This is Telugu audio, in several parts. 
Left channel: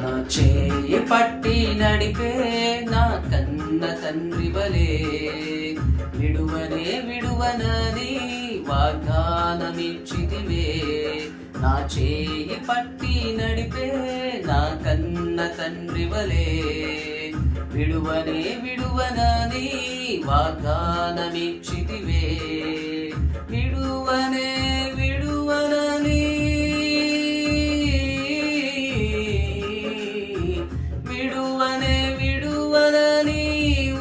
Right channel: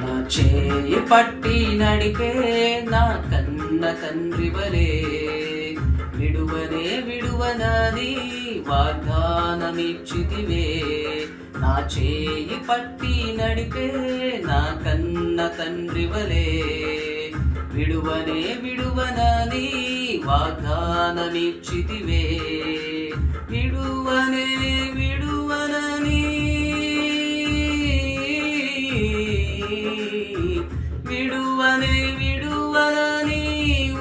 నా చేయి పట్టి నడిపే నా కన్న తండ్రి వలే, విడువనే విడువనని వాగ్దానమిచ్చితివే. నా చేయి పట్టి నడిపే నా కన్న తండ్రి వలే, విడువనే విడువనని వాగ్దానమిచ్చితివే. విడువనే విడువనని, విడువనే విడువనని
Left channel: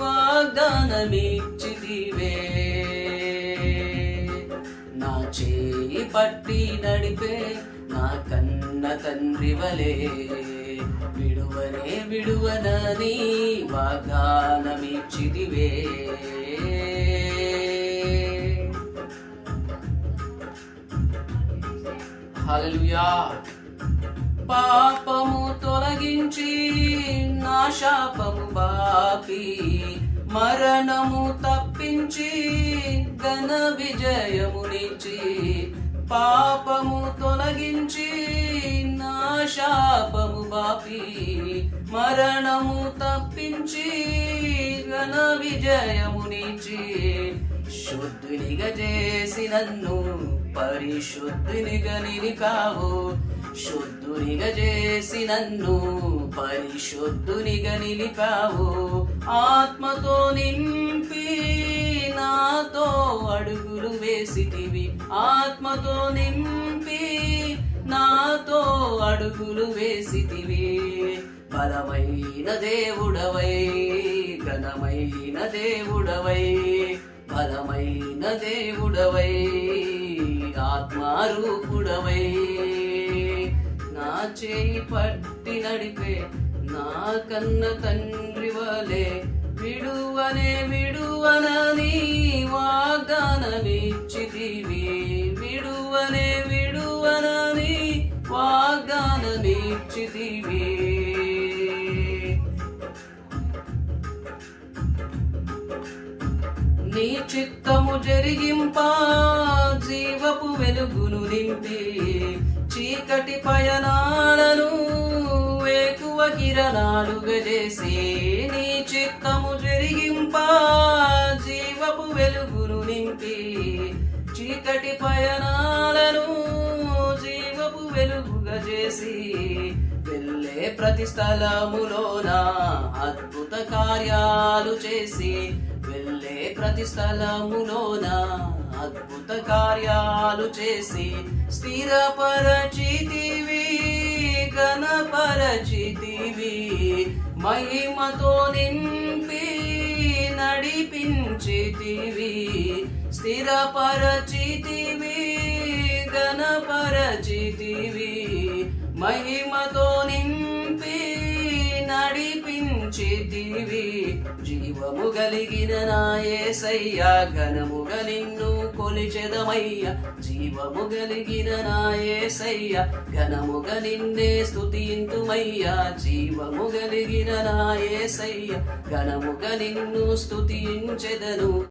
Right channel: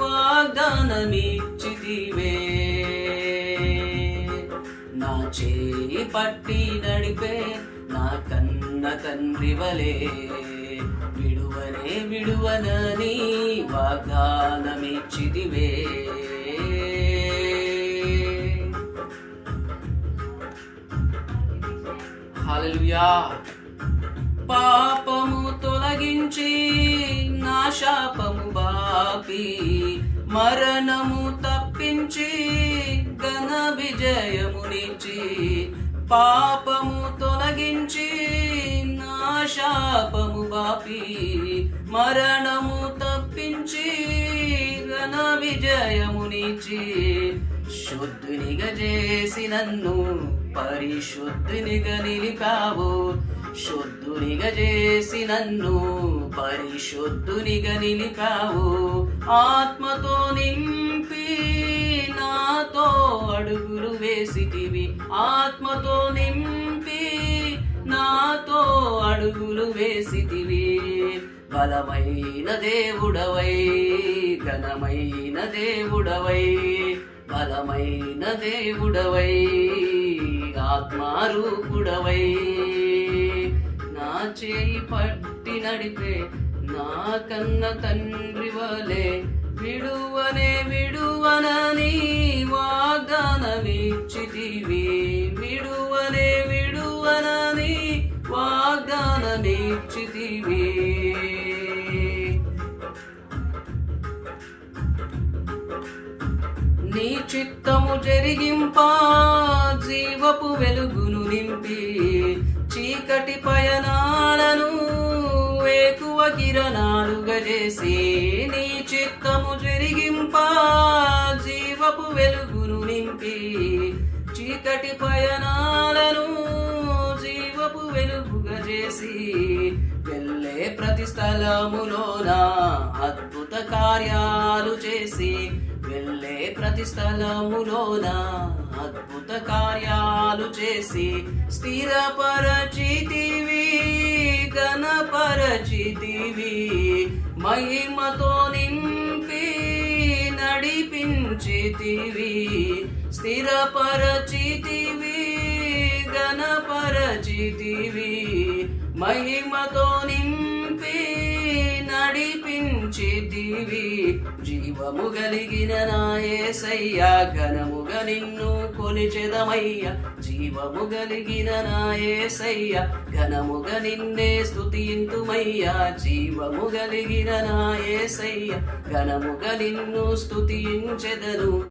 వాగ్దానమిచ్చితివే. నా చేయి పట్టి నడిపే నా కన్న తండ్రి వలే, విడువనే విడువనని వాగ్దానమిచ్చితివే. హల్లెలూయా. పాపము తొలగించి నా శాపము బాపి, మరణము తప్పించి ఘన విజయమునిచ్చి. పాపము తొలగించి నా శాపము బాపి, మరణము తప్పించి ఘన విజయమునిచ్చి. శుద్ధునిగా చేసి నన్ను పరిశుద్ధునిగా నిలిపావు, శుద్ధునిగా చేసి నన్ను పరిశుద్ధునిగా నిలిపావు. ఆత్మతో నింపి నాతో అడుగులు వేసితివి, ఆత్మతో నింపి నాతో అడుగులు వేసితివి. బలమైన దేవుడవై, ఘనమైన దేవుడవై, బలమైన దేవుడవై, ఆత్మారూపుడవై. నా చేయి పట్టి నడిపే నా కన్న తండ్రి వలే, విడువనే విడువనని వాగ్దానమిచ్చితివి. విడువనే విడువనని వాగ్దానమిచ్చితివి. నీ చిత్తము జరిగింపా జీవపు వెలుగును నింపి, చీకటి పయనాలను వేకువ కిరణాలుగా చేసి. నీ చిత్తము జరిగింపా జీవపు వెలుగును నింపి, చీకటి పయనాలను జీవపు వెలుగుగా చేసి. వెళ్ళే ప్రతి స్థలములోన అద్భుత కార్యాలు చేసి, వెళ్ళే ప్రతి స్థలములోన అద్భుత కార్యాలు చేసి. స్థిరపరచితివి, ఘనపరచితివి, మహిమతో నింపి నడిపించితివి. స్థిరపరచితివి, ఘనపరచితివి, మహిమతో నింపి నడిపించితివి. జీవము కలిగిన నా యేసయ్యా, ఘనముగా నిన్ను కొలిచెదమయ్యా. జీవము కలిగిన నా యేసయ్యా, ఘనముగా నిన్నే స్తుతింతుమయ్యా. జీవము కలిగిన నా యేసయ్యా, ఘనముగా నిన్ను స్తుతించెదను.